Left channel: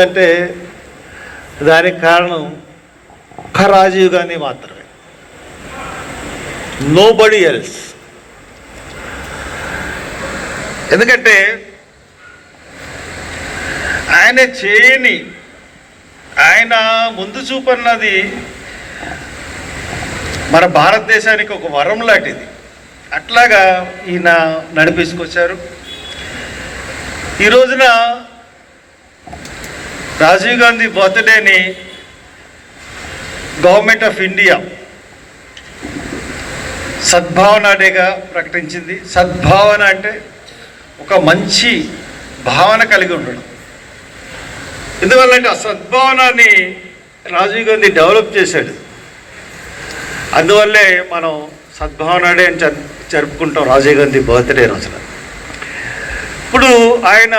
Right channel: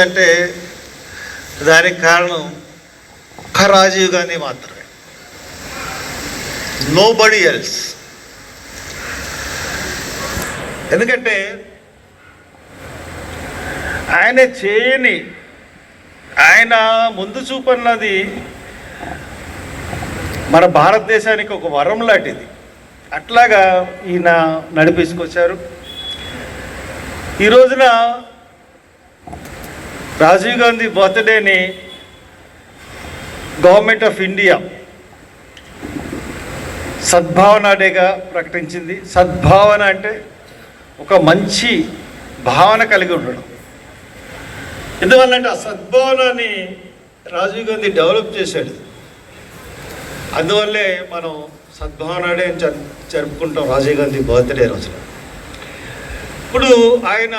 అంటే దానికి కారణం ఒక్క రాజీవ్ గాంధీ మాత్రమే, నోబడీ ఎల్స్. ఎందుకంటే ఆయన చేయని, ఆయన ముందు చూపన్నది మన భారతదేశానికి ఒక వరం లాంటిది. అట్లాగా ఈయన నడిపించుకొచ్చారు. ఈ రోజున రాజీవ్ గాంధీ బర్త్డేని గవర్నమెంట్ ఆఫ్ ఇండియా సద్భావన డేగా ప్రకటించింది. సద్భావన అంటే ఒక మంచి భావన కలిగి ఉండడం. ఎందువల్లంటే ఆ సద్భావనాన్ని రాజీవ్ గాంధీ డెవలప్ చేశాడు. అందువల్లే మనం సద్భావన డే అని జరుపుకుంటాం రాజీవ్ గాంధీ బర్త్డే రోజున. ఇప్పుడు ఆయన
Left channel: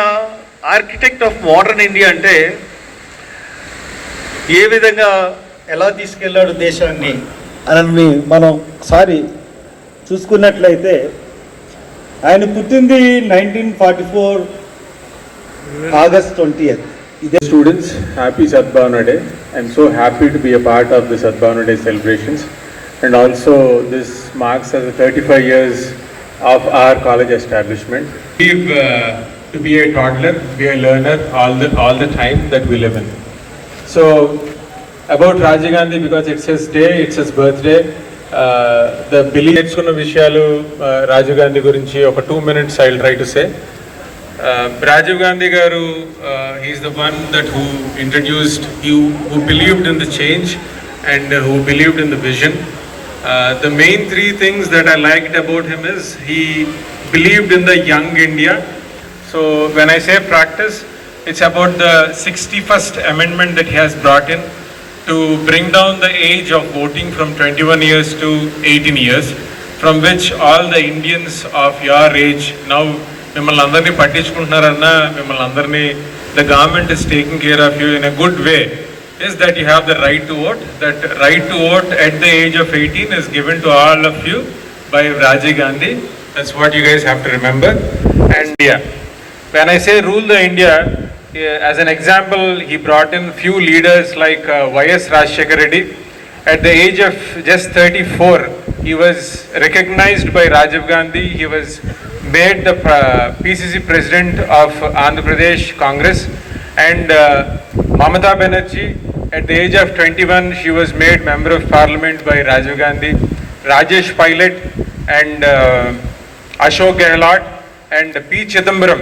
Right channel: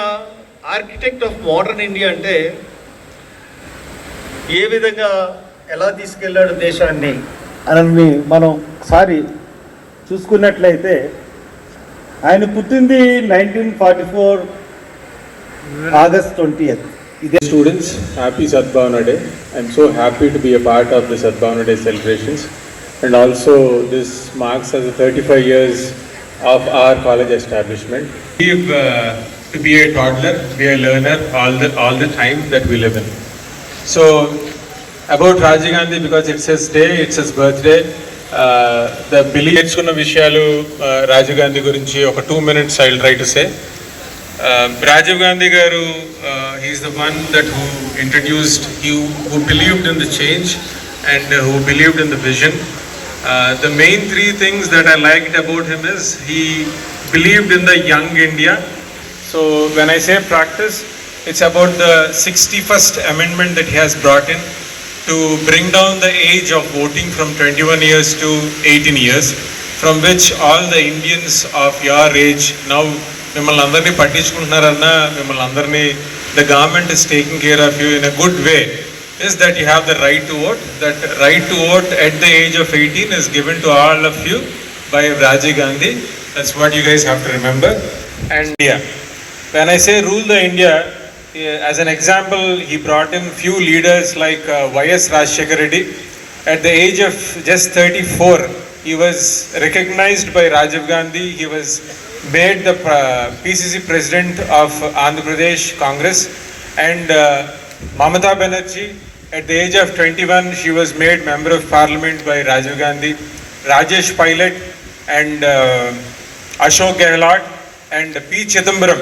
ఆర్కిటెక్ట్ ఆఫ్ మోడర్న్ ఇండియా అంటే ఏ విధంగా ఎలా తీసుకెళ్ళాడు దేశాన్ని అని మనం ఒకసారి చూసుకున్నట్లయితే, ఆయన పుట్టింది 1944 August 20th. Students, happy Sadbhavana Day. I'm so happy to be a part of the Sadbhavana Day celebrations, and also this marks as 35 years of our college establishment. To be a toddler, be a learner all the time that we live in. So about Rajiv Gandhi, because it's his day, it's his birthday, the belief నేర్చుకున్న విషయాలు రాజీవ్ గాంధీ గురించి ఒక 2 minutes I'll try to say. Rajiv Gandhi garu, he is the one that who introduced, who believed in the change and who believed in the vision. The main 3 things that I liked about him is he believed in the young India. So when I say practice, it's about the 61st amendment that he has brought in to bring down the age of voting from 21 years to 18 years, from which all the Indians of your age now, మిమ్మల్ని అందరినీ పట్టించుకుంటున్నారన్నా, మిమ్మల్ని అందరినీ the government is taking care of you in a good way, is that you have the right to vote. That right to vote at the age of 18 is given to all of you by Rajiv Gandhi. That's what you guys have to remember. And yeah, when I say rule the India, as an example, he brought in few leaders like Y.S. Rajshekar Reddy. At the age of just 34, he was recognized by Rajiv Gandhi. He was made the PCC president of Andhra Pradesh Congress. And Mamata Banerjee, at the age of 21, she was made member of parliament by Rajiv Gandhi. Rajesh Pilot and Ashok Gehlot and P. Chidambaram,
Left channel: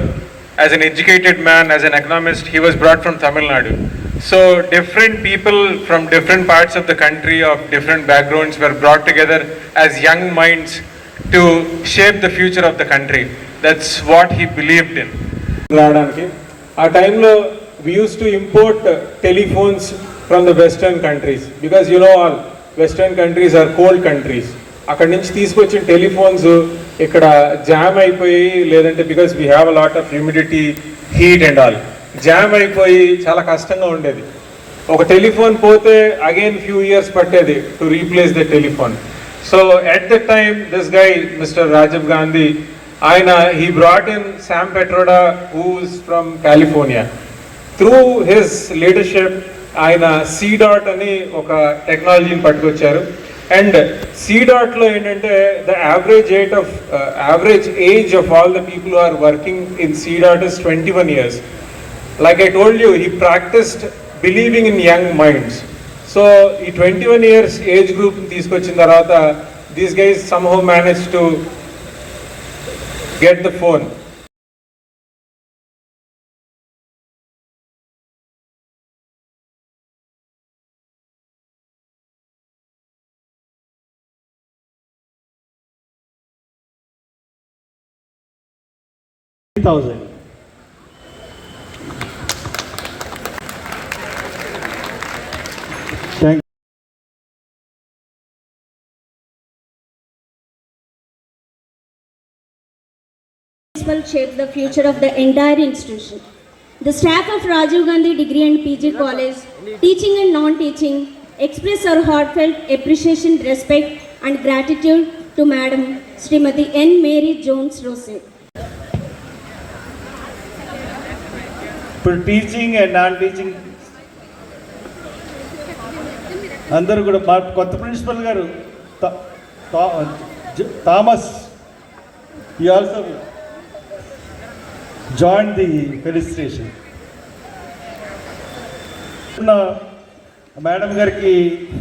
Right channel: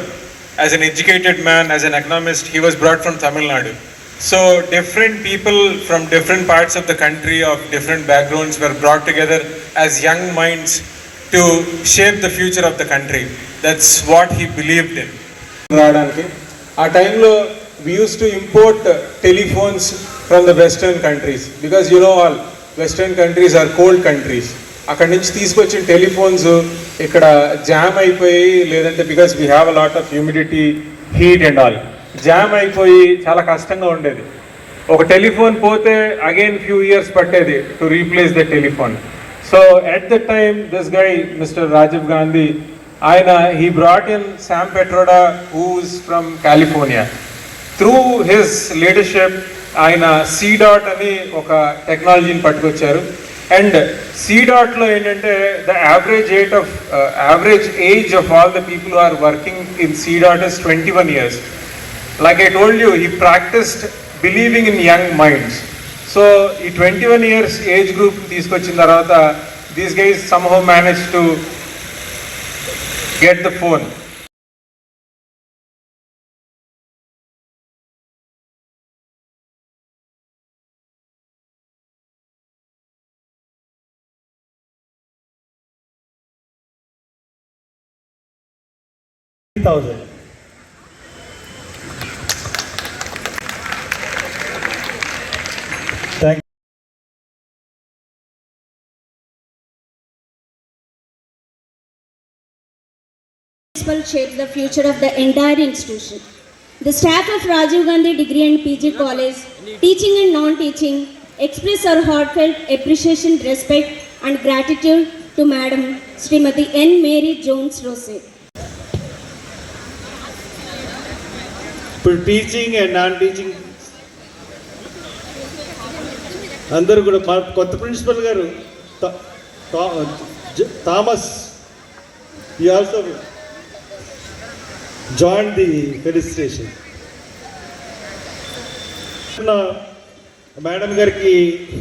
as an educated man, as an economist, he was brought from Tamil Nadu. So different people from different parts of the country of different backgrounds were brought together as young minds to shape the future of the country. That's what he believed in. Our time we used to import telephones from the western countries, because you know all western countries are cold countries. అక్కడి నుంచి తీసుకొచ్చిన telephones ఇక్కడ jam అయిపోయి, లేదంటే because we have a lot of humidity, heat and all, jam అయిపోయి చాలా కష్టంగా ఉండేది. ఒక టెలిఫోన్ పోతే అగైన్ ఫ్యూ ఇయర్స్ పట్టేది to replace the telephone. So at the time this guy mister Rajiv Gandhi, ఆయన he brought in Sam Pitroda who's from California. Through his leadership ఆయన C.DOT అని ఒక టెక్నాలజీని పట్టుకొచ్చారు. అండ్ C.DOTలో ఏంటంటే the average age of all the people who are working in C.DOT is 21 years. Like I told you, he practiced believing in young minds. So ఈ 21 years age group తీసుకొచ్చిన తర్వాత these guys somehow managed to get the phone. Shapes the future of the entire institution. The staff of Rajiv Gandhi Degree and PG College, teaching and non-teaching, express our heartfelt appreciation, respect and gratitude to Madam Srimati N. Mary Jones Rose. ఇప్పుడు teaching and non teaching అందరూ కూడా మా కొత్త principal గారు Thomas he also joined the felicitation. Madam గారికి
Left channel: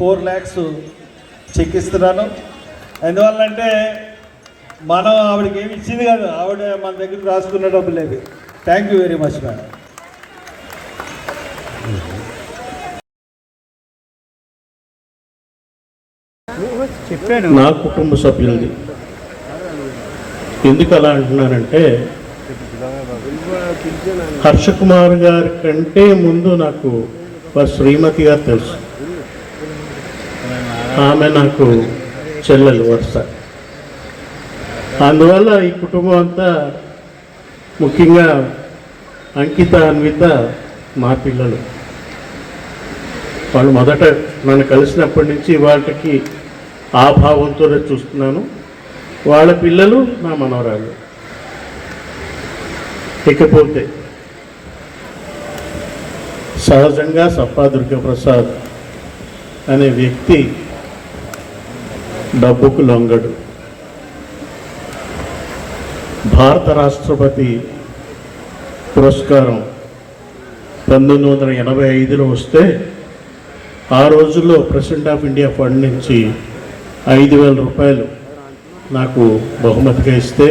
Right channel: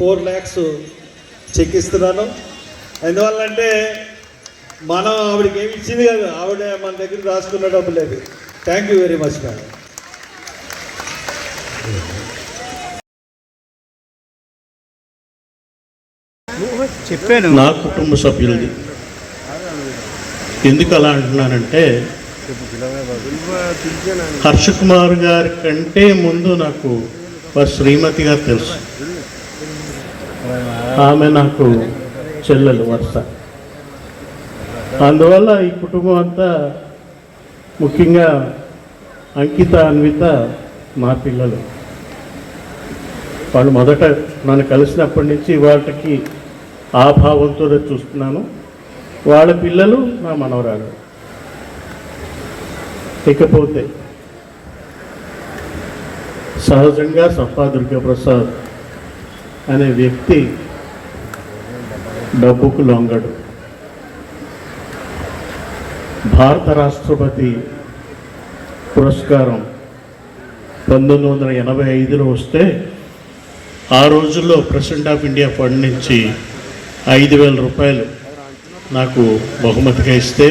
4 lakhs check ఇస్తున్నాను. ఎందువల్లంటే మనం ఆవిడకి ఏమి ఇచ్చింది కాదు, ఆవిడ మన దగ్గర రాసుకున్న డబ్బు లేదు. Thank you very much madam. నా కుటుంబ సభ్యులది. ఎందుకు అలా అంటున్నానంటే హర్ష కుమార్ గారి కంటే ముందు నాకు వారి శ్రీమతి గారు తెలుసు. ఆమె నాకు చెల్లెలు వరుస. అందువల్ల ఈ కుటుంబం అంతా, ముఖ్యంగా అంకిత, అన్విత మా పిల్లలు. వాళ్ళు మొదట నన్ను కలిసినప్పటి నుంచి వాళ్ళకి ఆ భావంతో చూస్తున్నాను. వాళ్ళ పిల్లలు నా మనవరాళ్ళు. ఇకపోతే సహజంగా సప్పా దుర్గాప్రసాద్ అనే వ్యక్తి డబ్బుకు లొంగడు. భారత రాష్ట్రపతి పురస్కారం 1985లో వస్తే ఆ రోజుల్లో ప్రెసిడెంట్ ఆఫ్ ఇండియా ఫండ్ నుంచి 5,000 రూపాయలు నాకు బహుమతిగా ఇస్తే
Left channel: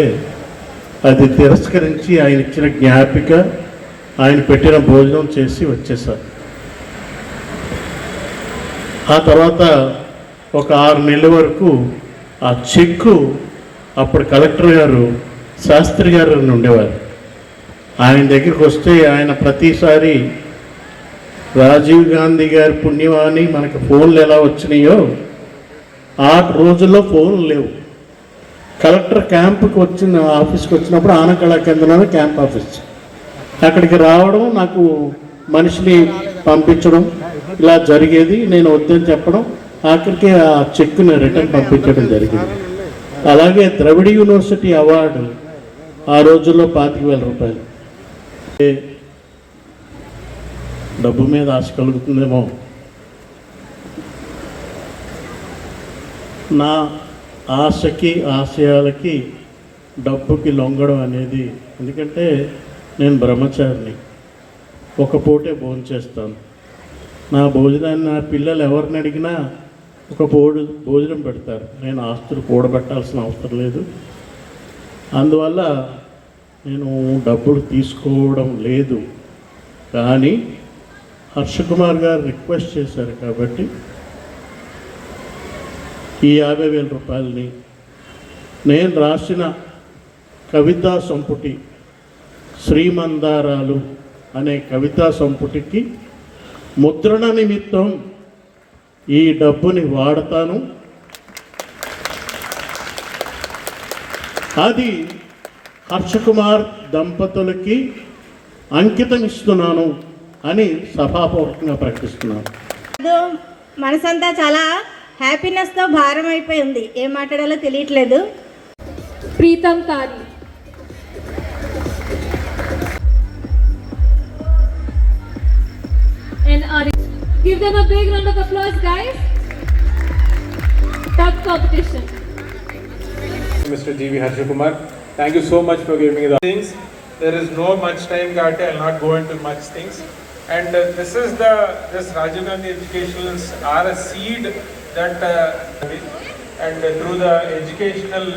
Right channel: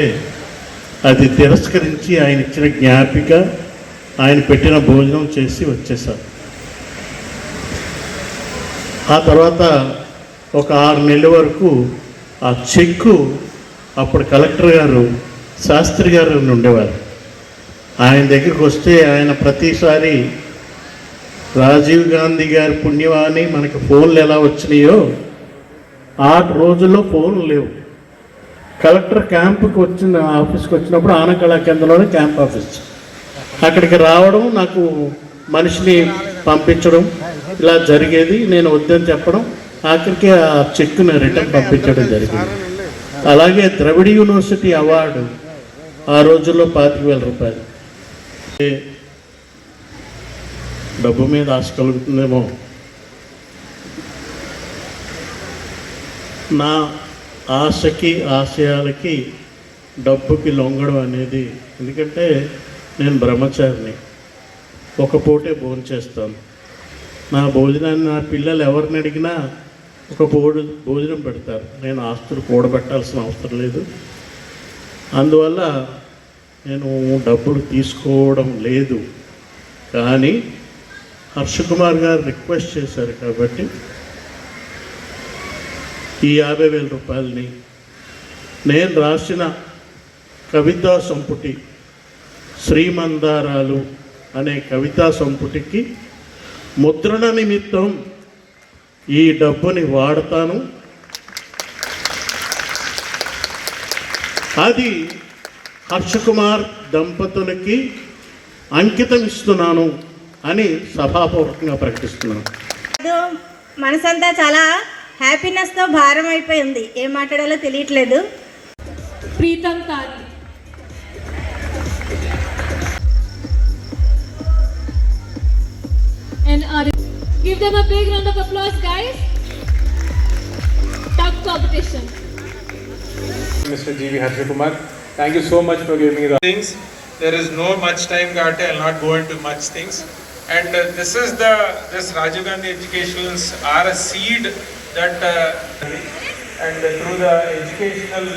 అది తిరస్కరించి ఆయన ఇచ్చిన జ్ఞాపిక, ఆయన పెట్టిన భోజనం చేసి వచ్చేసారు. ఆ తర్వాత ఒక 6 నెలల వరకు ఆ చెక్కు అప్పుడు కలెక్టర్ గారు శాస్త్రి గారు ఉండేవారు. ఆయన దగ్గరికి వస్తే ఆయన ప్రతిసారి రాజీవ్ గాంధీ గారి పుణ్యవాణి మనకి ఫోన్లు ఎలా వచ్చినాయో ఆ రోజుల్లో ఫోన్లు లేవు. కలెక్టర్ క్యాంపుకి ఆఫీస్కి వచ్చినప్పుడు ఆనకళా కేంద్రంలోనే క్యాంప్ ఆఫీస్, అక్కడికి రావడం, నాకు మనిషిని పంపించడం ఇలా జరిగేది. నేను వద్దని చెప్పడం, ఆఖరికి ఆ చెక్కుని రిటర్న్ పంపించడం జరిగింది. అలాగే ద్రవిడ యూనివర్సిటీ అవార్డు ఆ రోజుల్లో 25,000 రూపాయలు. డబ్బు మీద ఆశ కలుగుతుందేమో. నా ఆశకి ఆశయాలకి డబ్బుకి లొంగడం అనేది, ఎందుకంటే నేను బ్రహ్మచారిని, ఒక పూటే భోజనం చేస్తాను. నా భోజనాన్ని నా పిల్లలు ఎవరిని అడిగినా ఒక భోజనం పెడతారు. నేను ఆస్తులు కూడబెట్టాల్సిన అవసరం లేదు. అందువల్ల నేను డబ్బులు తీసుకోవడం లేదు. కానీ హర్ష కుమార్ గారు రిక్వెస్ట్ చేశారు కాబట్టి ఈ 50,000 రూపాయలని నేను రాసిన కవితా సంపుటి శ్రీమందారాలు అనే కవితా సంపుటికి ముద్రణ నిమిత్తం ఈ డబ్బుని వాడతాను. అది హర్ష కుమార్ దంపతులకి అంకితం ఇస్తున్నాను అని సభాపూర్వకంగా ప్రకటిస్తున్నాను. మనసంతా చాలా హ్యాపీనెస్తో భారం అయిపోయింది. ఏం మాట్లాడాలో తెలియట్లేదు. ప్రీతం తాని. And give them a big round of applause, guys. Tough competition. Mr. G.V. Harsha Kumar, thank you so much for giving me the things. There is no much time, Garte. I'll not go into much things. And this Rajiv Gandhi Educationals are a seed that and through the educational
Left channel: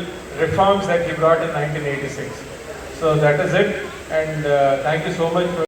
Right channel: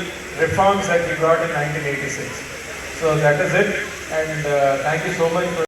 reforms that we got in 1986. So that is it. And thank you so much for